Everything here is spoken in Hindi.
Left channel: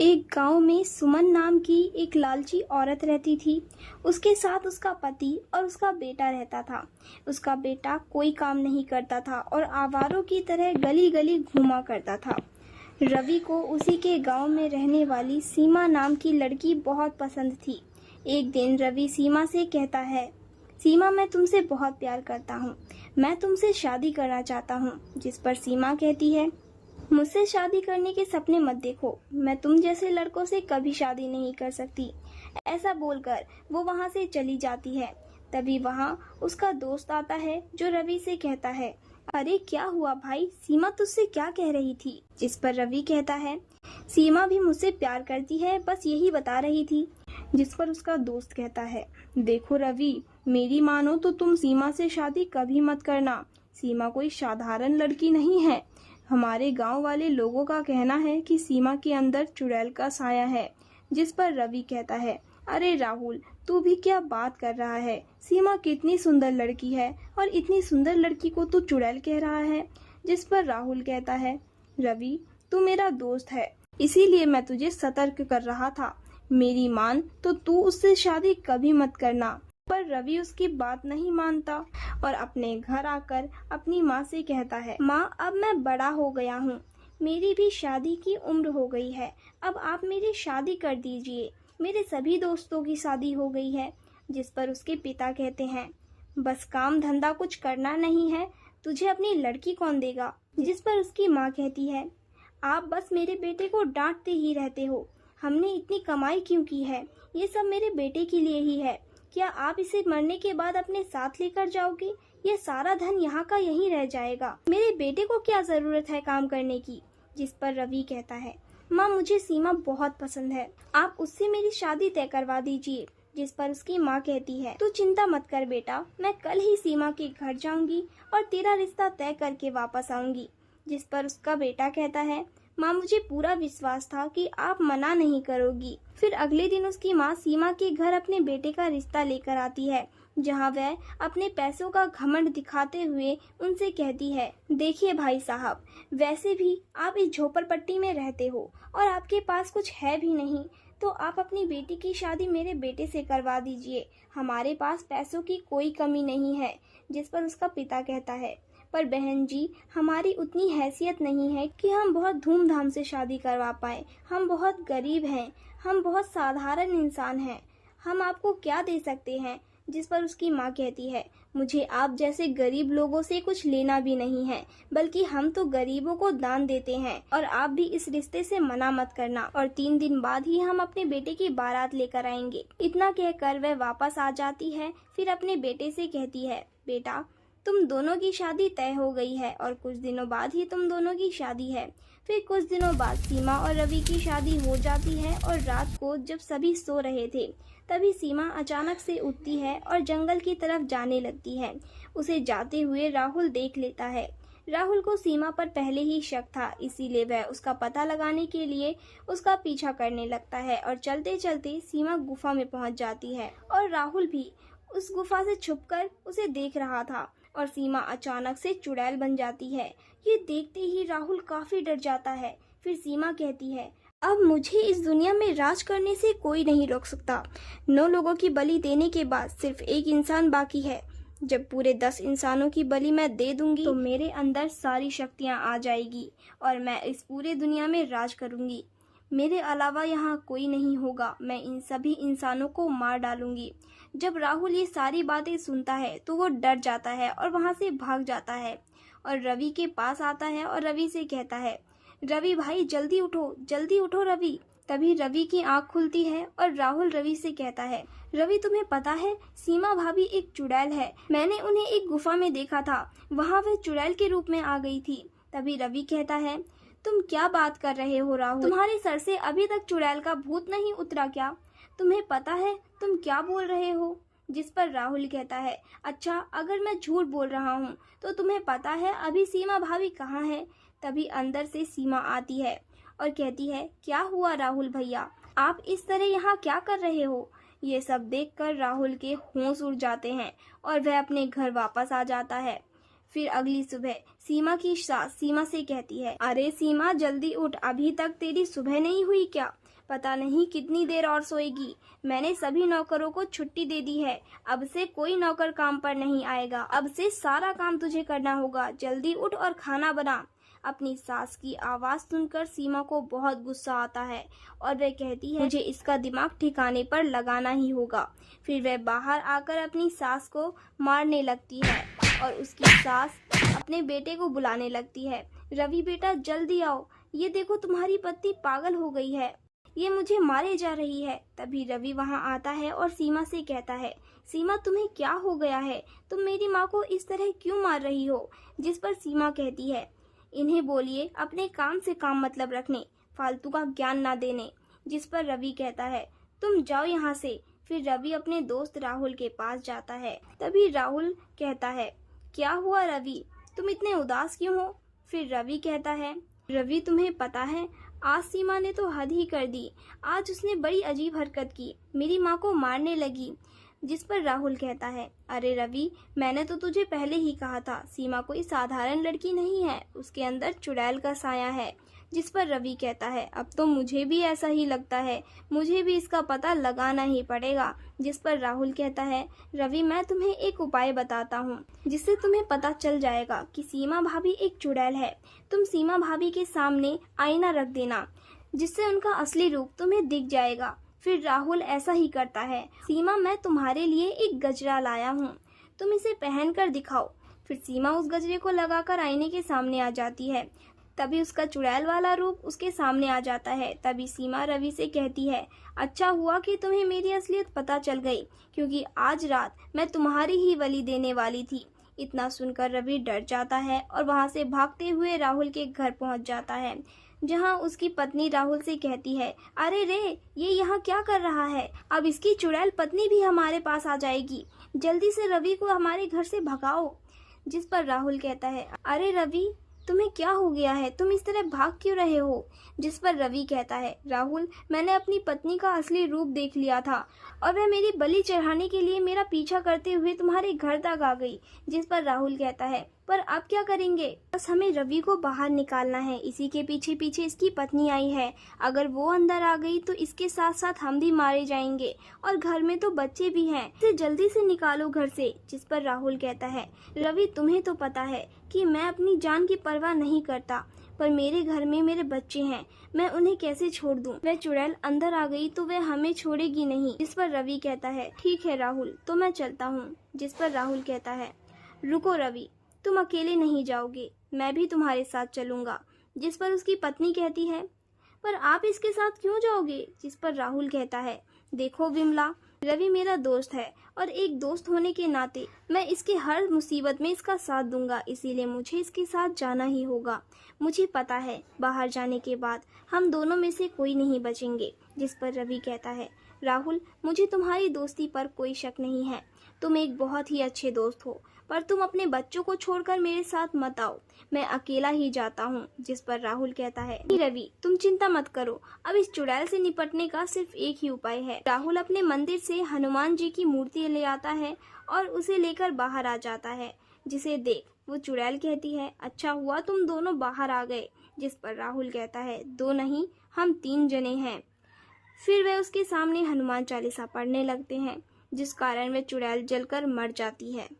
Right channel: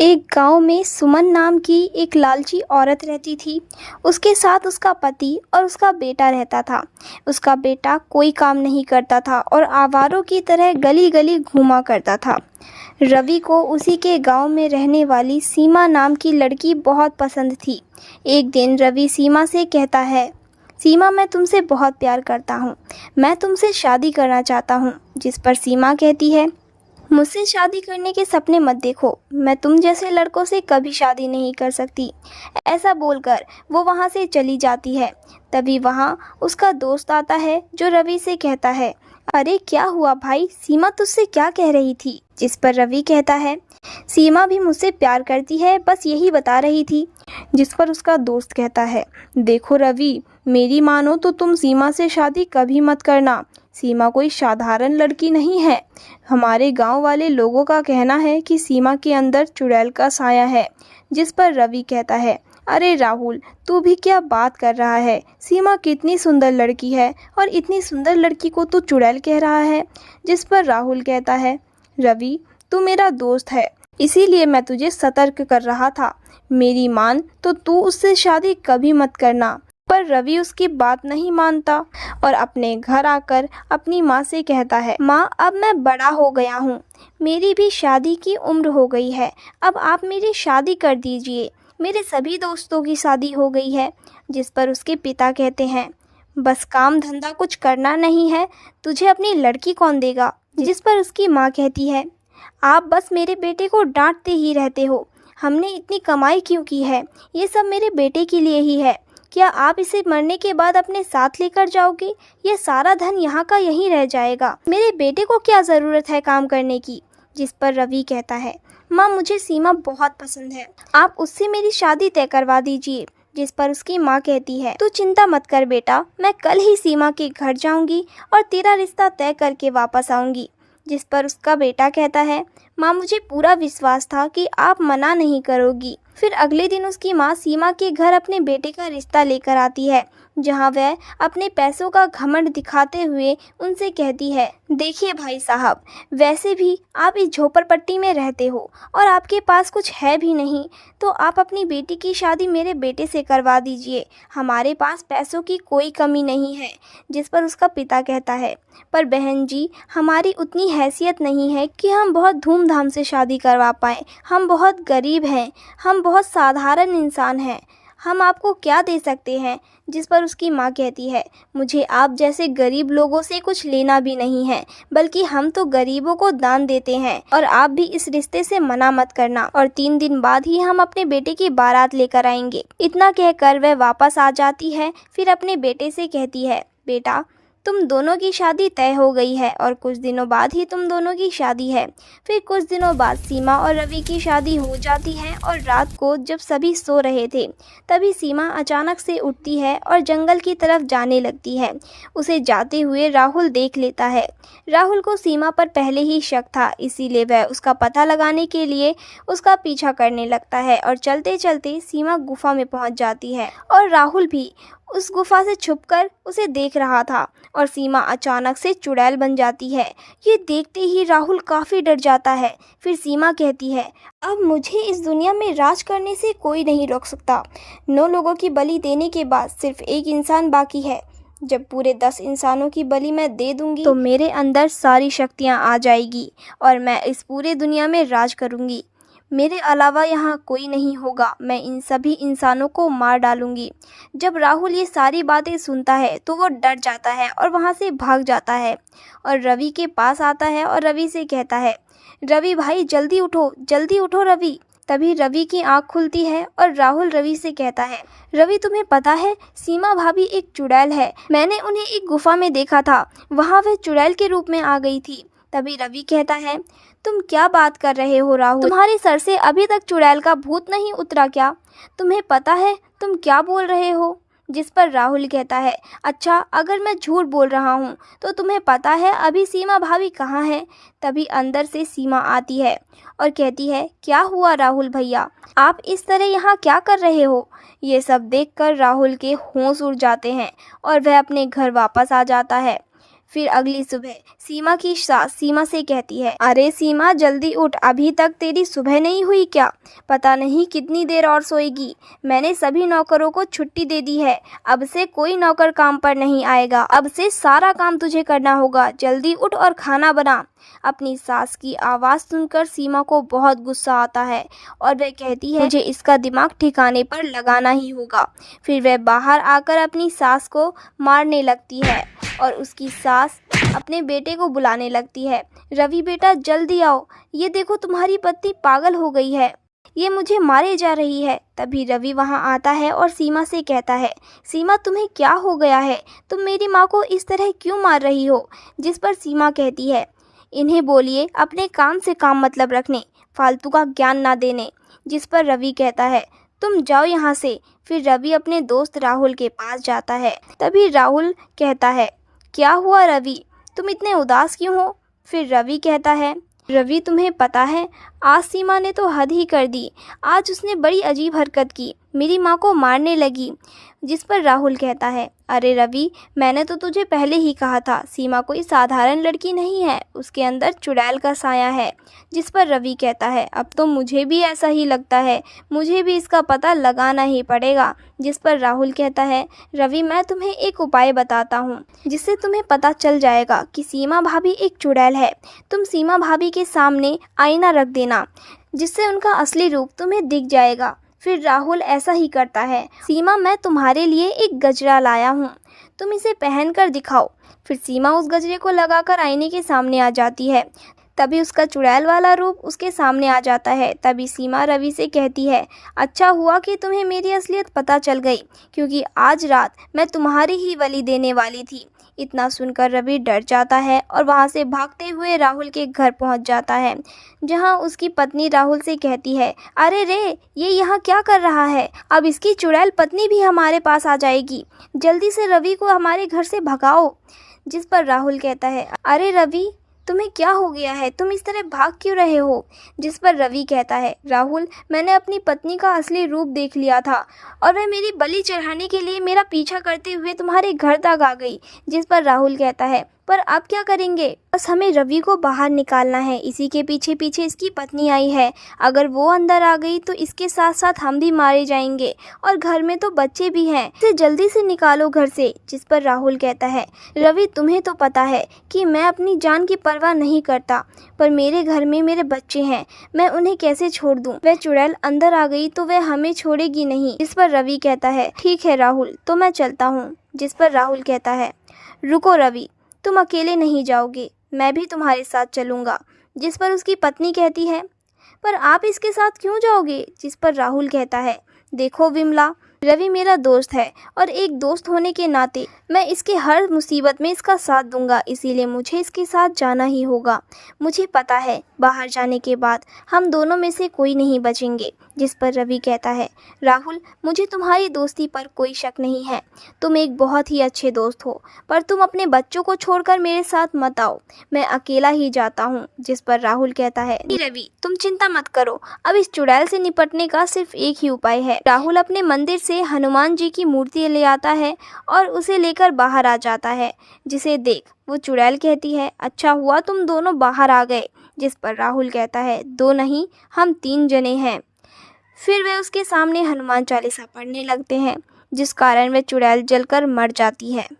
एक गांव में सुमन नाम की एक लालची औरत रहती थी। उसके साथ उसका पति और उसका बेटा रहता था। उसका बेटा कोई काम नहीं करता था और आवारों की तरह गली गली घूमा करता था। रवि को उसी के गांव में रहने वाली सीमा नाम की लड़की बहुत पसंद थी। एक दिन रवि सीमा से कहता है, सीमा, मैं तुमसे बहुत प्यार करता हूँ। मैं तुमसे शादी करना चाहता हूँ। जिस पर सीमा कहती है, मुझसे शादी करने के सपने मत देखो। मैं तुम जैसे लड़कों से कभी शादी नहीं कर सकती। ऐसा बोलकर वो वहाँ से चली जाती है। तभी वहाँ उसका दोस्त आता है जो रवि से कहता है, अरे क्या हुआ भाई, सीमा तुझसे क्या कह रही थी? जिस पर रवि कहता है, सीमा भी मुझसे प्यार करती है, बस यही बता रही थी। जिस पर उसका दोस्त कहता है, देखो रवि, मेरी मानो तो तुम सीमा से शादी कभी मत करना। सीमा कोई साधारण लड़की नहीं है। हमारे गांव वाले लोगों का कहना है कि सीमा के अंदर चुड़ैल का साया है। जिस पर रवि कहता है, अरे राहुल, तू भी क्या बात कर रहा है? सीमा कितनी सुंदर लड़की है और इतनी सुंदर लड़की को तू चुड़ैल कह रहा है। जिस पर राहुल कहता है, रवि, तू मेरा दोस्त है, इसीलिए मैं तुझे सतर्क कर रहा था। मेरी मान तो तू उससे शादी कभी मत करना। पर रवि उसकी बात नहीं मानता और अपने घर आकर अपनी माँ से कहता है, माँ, अब मैं बड़ा हो गया हूँ, मेरी भी शादी की उम्र हो गई है। अब आप मेरी शादी कर दीजिए। मेरे सभी दोस्तों की शादी हो गई है। जिस पर उसके पिता कहते हैं, बस काम धंधा कुछ करना नहीं है, तुझे अपनी लड़की कौन देगा? जिस पर उसकी माँ कहती है, आप बस मेरे बेटे को डांटते ही रहते हो। हमने इतनी कमाई क्यों की है? ये सब मेरे बेटे के लिए ही है। क्या आप इसे मरने के बाद अपने साथ लेकर जाओगे? ये सारा धन यहाँ का यहीं रह जाएगा। मेरे बेटे को क्या ज़रूरत है काम करने की? जिस पर रवि कहता है, माँ, मुझे सीमा बहुत पसंद है, आप उससे मेरी शादी तय करवा दीजिए। जिस पर उसकी माँ कहती है, तू चिंता मत कर बेटा, मैं कल ही सीमा के घर जाऊंगी और तेरा रिश्ता तय करके वापस आऊंगी। जिस पर उसका बेटा कहता है, माँ, मुझे पूरा विश्वास था कि आप मना नहीं करोगी। फिर अगले दिन उसकी माँ सीमा के घर अपने बेटे का रिश्ता लेकर आती है, जहाँ वह अपने पैसों का घमंड दिखाते हुए उनसे कहती है, देखिए भाई साहब, वैसे भी आप इस झोपड़पट्टी में रहते हो और आपके पास कुछ है भी नहीं, तो आप अपनी बेटी की शादी मेरे बेटे से करवा दीजिए। हमारे पास पैसों की कोई कमी नहीं है। जिस पर उसका पिता कहता है, पर बहन जी, हमारी उतनी हैसियत नहीं है कि हम बहुत धूमधाम से शादी करवा पाएँ। हम बहुत गरीब हैं, हम बहुत साधारण इंसान हैं, हम आपको क्या दे सकते हैं? जिस पर उसकी माँ कहती है, मुझे आप जैसे गरीब लोगों से कुछ लेना भी नहीं है, बल्कि हम तो गरीबों को दान देते हैं, और आप भी इस रिश्ते से मना मत करना, और 3 दिन बाद ही हम अपने बेटे की बारात लेकर आएंगे। इतना कहकर वह वापस आ जाती है। फिर अपने बेटे से कहती है, बेटा, तुम दोनों की शादी तय हो गई है और कुछ दिनों बाद ही तुम दोनों की शादी है। फिर कुछ दिनों बाद सीमा और रवि की शादी हो जाती है और रात को जब सभी सो रहे थे, तभी सीमा अचानक से उठती है और जंगल की तरफ जाने लगती है। उसे जाते हुए राहुल देख लेता है। राहुल को सीमा पर पहले ही शक था, इसीलिए वह उसका पता लगाने के लिए उसका पीछा करने लगता है और चलते चलते सीमा गुफा में पहुंच जाती है और राहुल भी उस गुफा से छुपकर उसे देख रहा था और सीमा अचानक से चुड़ैल बन जाती है। ये देखते ही राहुल काफ़ी डर जाता है। फिर सीमा कहती है, अब मुझे इस दुनिया में राज करने से कोई नहीं रोक सकता। 9 लोगों की बलि देने के बाद सिर्फ एक इंसान बाकी है। जब पूरे 10 इंसानों की बलि मैं दे दूंगी तो मेरे अंदर सारी शक्तियाँ आ जाएगी और मैं इस पूरे दुनिया में राज करूंगी। मेरे अलावा यहाँ कोई नहीं होगा। मैं इन सभी इंसानों को मार डालूंगी। जब राहुल ये सारी बातें सुनता है तो वो डर जाता है और वहाँ से भाग जाता है और रवि के पास आता है और रवि से कहता है, रवि भाई, जल्दी उठो रवि। तभी रवि की आंख खुलती है और राहुल रवि से कहता है, रवि, तुम्हें पता है, सीमा भाभी एक चुड़ैल है। मैंने उन्हें एक गुफा में देखा था, वहाँ वह चुड़ैल के रूप में आ गई थी। तभी रवि कहता है, तुम क्या बात कर रहे हो राहुल? तुम्हारे सर से अभी तक चुड़ैल का भूत नहीं उतरा क्या? तुम्हें पता है तुम क्या बोल रहे हो? जिस पर राहुल कहता है, अच्छा, अगर मैं झूठ बोल रहा हूँ तो तुम्हें पता है अभी सीमा भाभी कहाँ है? तभी अंदर से सीमा आती है और कहती है, क्या हुआ राहुल भैया, आप इस तरह यहाँ क्या कर रहे हो? ये सब देखकर राहुल के होश उड़ जाते हैं और वह अपने घर वापस आ जाता है। फिर अगली सुबह सीमा की सास सीमा से कहती है, अरे सीमा जल्दी उठ, अभी तक तेरी सुबह नहीं हुई क्या? पता नहीं कितनी देर और सोएगी। मैंने सभी नौकरों को छुट्टी दे दी है। अब से कोई नौकर काम पर नहीं आएगा। अब से सारा काम तुझे करना होगा। जल्दी उठ और खाना बना। अपनी सास की आवाज़ सुनकर सीमा को बहुत गुस्सा आता है और वह कहती है, मुझे इसका दिमाग ठिकाने पर लगाना ही होगा। फिर वह बाहर आकर अपनी सास को मारने लगती है और उसकी सास अपने बेटे को बुलाने लगती है, रवि बेटा जल्दी आओ, ये देखो तुम्हारी पत्नी पागल हो गई है, ये मुझे मारे जा रही है। तभी रवि वहां आता है और सीमा से कहता है, सीमा तुम्हें क्या हो गया है? तुम मेरी माँ को इस तरह क्यों मार रही हो? जिस पर सीमा कहती है, इन्हें बोलिए अपने काम से काम मतलब रखने, फालतू का ज्ञान ना देने। जिस पर रवि कहता है, तुम जाओ यहाँ से। फिर रवि अपने दोस्त राहुल के पास जाता है। तभी राहुल कहता है, क्या हुआ रवि, तुम इतने उदास क्यों हो? फिर रवि कहता है, रवि तुम्हें पता है आज सीमा ने तो हद ही कर दी। आज उसने बड़ी अजीब हरकत की, मेरी माँ को मारने लगी। जिस पर राहुल कहता है, अरे रवि मैंने तो तुझे पहले ही कहा था, सीमा कोई साधारण लड़की नहीं है, उसके अंदर चुड़ैल का साया है। जिस पर रवि कहता है, अब तो मुझे भी ऐसा ही लगता है, मुझे भी इसका पता लगाना ही पड़ेगा। जिस पर राहुल कहता है, रवि मैं तुम्हें एक उपाय बताता हूँ जिससे तुम्हें पता चल जाएगा कि सीमा भाभी एक चुड़ैल है। तुम सीमा भाभी के सामने आईना रख देना, जिससे उनका असली रूप तुम्हें दिख जाएगा। फिर राहुल ऐसा ही करता है। सीमा मैं तुम्हारे लिए एक गजरा लाया हूँ, तुम इसे पहन कर दिखाओ। फिर सीमा उस गजरे को लगाकर आईने के सामने आ जाती है। तभी उसका चुड़ैल वाला रूप उसके सामने आ जाता है। तभी सीमा रवि से कहती है, अच्छा हुआ कि तुम्हें मेरी असलियत पता चल गई, क्योंकि आज रात मैं तुम्हारी ही बलि देने वाली थी। इतना सुनकर रवि डर जाता है और वहां से भागते हुए राहुल के घर पहुंच जाता है, जहां उसकी पत्नी राहुल से कहती है, अरे रे ये यहाँ क्या कर रहा है? अब इसकी चुड़ैल पत्नी भी हमारे पास आ जाएगी, जल्दी से रवि को हमारे घर से भगाओ। जिस पर राहुल कहता है, अरे रवि तुम्हें क्या हो गया है, तुम इस तरह भाग क्यों रहे हो? जिस पर रवि कहता है, राहुल मैंने अपनी पत्नी का असली रूप देख लिया था और वह मेरी बलि चढ़ाने के लिए मेरा पीछा करते हुए तुम्हारे घर तक आ गई। जिस पर राहुल कहता है, पर अब क्या करेंगे? बस हमें रवि को बाहर निकालना है, इसी के पीछे पीछे इसकी पत्नी आई है, अगर वो अंदर आ गई तो इसके साथ साथ हम भी मारे जाएंगे और घर में तो बच्चे भी हैं, इसे जल्दी से निकालो घर से। जिस पर राहुल कहता है, रवि तुम्हें तो पता है कि मैं अपनी जान की परवाह नहीं करता, पर मेरे घर में मेरे बच्चे हैं, मैं उन्हें कैसे छोड़ दूं? वह चुड़ैल अंदर आ गई तो वह हमें छोड़ेगी नहीं। जिस पर रवि कहता है, ठीक है राहुल तो मैं चलता हूँ। जिस पर राहुल कहता है, रुको रवि तुम अकेले नहीं जाओगे, मैं भी तुम्हारे साथ चलूँगा। जिस पर उसकी पत्नी कहती है, पर आप इसके साथ क्यों जाओगे? जिस पर राहुल कहता है, देखो विमला रवि मेरा दोस्त है और एक दोस्त होने के नाते मैं इसके हर मुसीबत में इसका साथ दूंगा, इसीलिए मुझे इसके साथ जाना ही होगा। मुझे पता है बाहर जाने के बाद हम दोनों में से कोई नहीं बचेंगे। जिस पर रवि कहता है, राहुल मुझे तुम्हारी दोस्ती पर कोई शक नहीं है, तुम एक बहुत ही अच्छे दोस्त हो, पर तुम अपने बच्चों को छोड़कर मेरे साथ मत आओ, मैं अकेला ही जाता हूँ। जिस पर राहुल कहता है, रवि तुम चिंता मत करो, अब इस चुड़ैल से निपटने का सिर्फ एक ही उपाय है। राहुल अपने मंदिर से हनुमान जी की मूर्ति ले आता है और उसे लेकर बाहर आ जाता है, जिसे देख वो चुड़ैल कहती है, अच्छा हुआ तुम दोनों बाहर आ गए। जिस पर राहुल कहता है, दो नहीं हम 3 जने हैं। फिर वे उसके सामने हनुमान चालीसा पढ़ने लगते हैं, जिस कारण वह चुड़ैल जलकर मर जाती है।